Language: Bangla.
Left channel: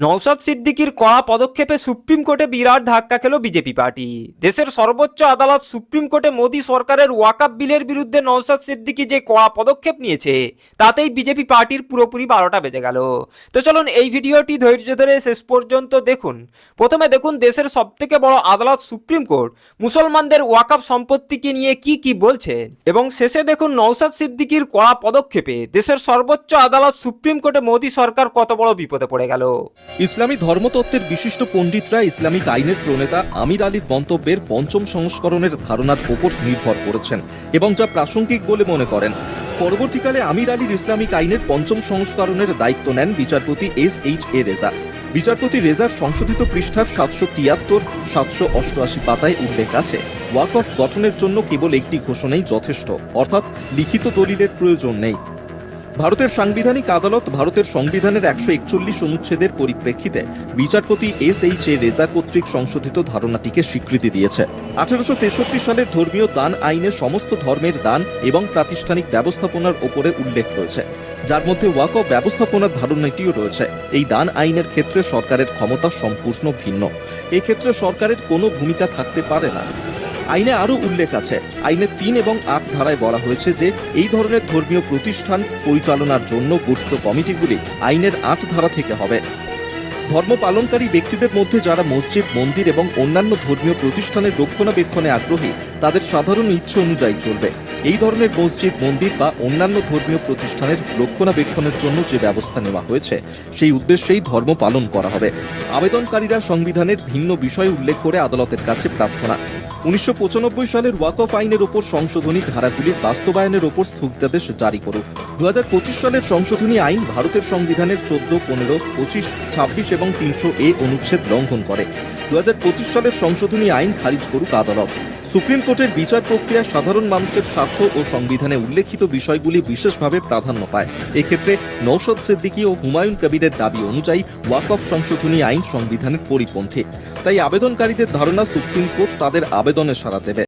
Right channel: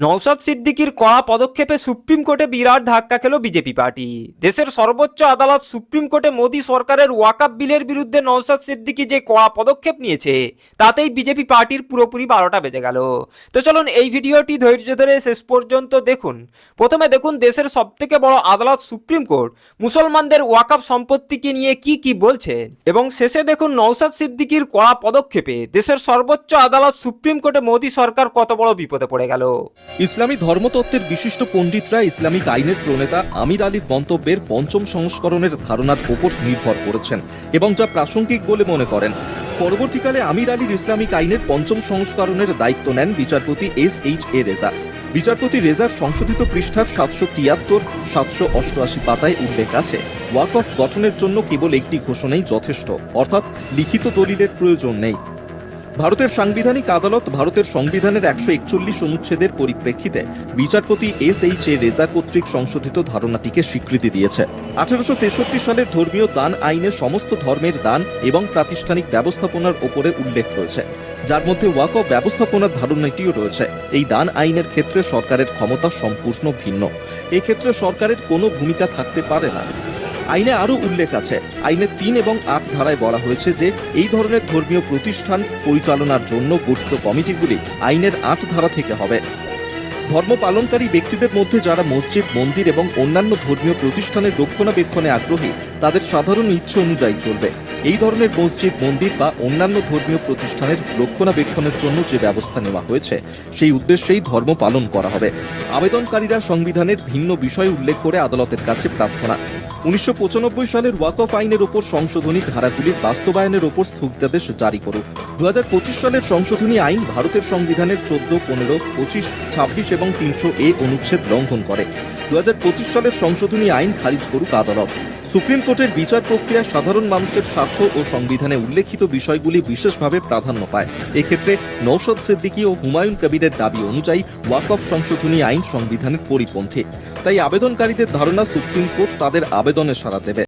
নওশাদ সিদ্দিকীর কড়া পদক্ষেপে সুপ্রিম কোর্টে বিরাট ধাক্কা খেল বিজেপি পার্টি। দেশের সর্বোচ্চ আদালত সুপ্রিম কোর্টে মোদী সরকারের ওয়াকআপ বিলের বিরুদ্ধে নওশাদ সিদ্দিকী যে কড়া পদক্ষেপ নিয়েছে তাতেই বিজেপি পার্টির পুরোপুরি 12টা বেজে গেল। তো চলুন এই ভিডিওটি ধৈর্য ধরে শেষ পর্যন্ত দেখুন। প্রথমে দেখুন দেশের সবথেকে বড় আদালত সুপ্রিম কোর্ট মুসলমানদের ওয়াকআপ সম্পত্তিকে নিয়ে কি বলছে, এবং শেষে দেখুন নওশাদ সিদ্দিকীর কড়া পদক্ষেপে দেশের সর্বোচ্চ আদালত সুপ্রিম কোর্টে মোদী সরকার কত বড় বিপদে পড়ে গেল। ইসলামী ধর্মতত্ত্বের বিশিষ্ট পণ্ডিতরা ইসলামিক আইনের প্রণেতা আমির আলীর মন্তব্যের পঞ্চম সংস্করণের ধারণার উপর নির্ভর করেছেন এবং যা প্রাসঙ্গিক বলে মনে করেন। পরবর্তীকালে আমির আলীর ইসলামিক আইনের পঞ্চম সংস্করণের দায়িত্ব নেন বিচারপতি SHA রেজা। বিচারপতি রেজার সংশোধিত পৃষ্ঠার 773-788 পাতায় উল্লেখ আছে, ওয়াকফ গঠনের জন্য কেবল একটি ঘোষণাই যথেষ্ট, অর্থাৎ লিখিত দলিলের প্রয়োজন নেই। ভারতের সাংবিধানিক আদালত ভারতের সংবিধানের 141 অনুচ্ছেদের পরিপ্রেক্ষিতে বিচারপতি SHA রেজা কর্তৃক সংশোধিত ধারণাটিকে স্বীকৃতি দিয়েছে। 1863 সালের ধর্মীয় দান আইনে সমস্ত ধর্মের দান এবং প্রাতিষ্ঠানিক ব্যবস্থাপনার উপরে উল্লেখ রয়েছে, যার মধ্যে ওয়াকফ ব্যবস্থাপনার ধারণাটিও রয়েছে। এই দান আইনের ক্ষেত্রে সরকারের ক্ষমতা সম্পূর্ণ ভিন্ন। এক্ষেত্রে সরকারের কোনো ভূমিকা থাকতে পারে না। আইনে আরো উল্লেখ আছে, আইনের 3 এবং 8 ধারায় বলা হয়েছে যে এই ধরনের ধর্মীয় প্রতিষ্ঠান পরিচালনার জন্য গঠিত কমিটিগুলি আইনের 8 ধারা থেকে হবে। ধর্ম পালনকারী ব্যক্তিদের মধ্যে যারা মসজিদ, মন্দির এবং অন্যান্য ধর্মীয় প্রতিষ্ঠানের রক্ষণাবেক্ষণে আগ্রহী তাদের সাধারণ ইচ্ছে অনুযায়ী চলবে। এই ধরনের মসজিদ, মন্দির বা অন্যান্য ধর্মীয় প্রতিষ্ঠানের রক্ষণাবেক্ষণের জন্য যে ব্যবস্থা নেওয়া হয়েছে সেই উদ্দেশ্যেই ধর্ম পালন করা হবে। আবেদনকারীরা সংবিধানের ভিন্ন বিষয় উল্লেখ করে আদালতের কাছে প্রার্থনা 1995 সালের ওয়াকফ আইনের ওপর সংশোধনী ধারাগুলির বাস্তবায়নের ওপর স্থগিতাদেশ জারি করুক। 2025 সালের সংশোধনী আইন ভারতের সংবিধানের 14, 15, 25, 26 এবং 300A অনুচ্ছেদ লঙ্ঘন করে। 2025 সালের সংশোধনী আইন খারিজ করুক আদালত। সুপ্রিম কোর্টের বিচার প্রক্রিয়া সাধারণ মানুষের স্বার্থ ও সংবিধানে উল্লেখিত বিষয়গুলি বিশেষভাবে প্রাধান্য পায়। এক্ষেত্রে নওশাদ সিদ্দিকী ও হুমায়ুন কবিরের দাবি অনুযায়ী ওয়াকফ সংশোধনী আইন সংবিধানের পরিপন্থী। তাই আবেদনকারীদের ধারণা সুপ্রিম কোর্ট তাদের আবেদনে সাড়া দেবে।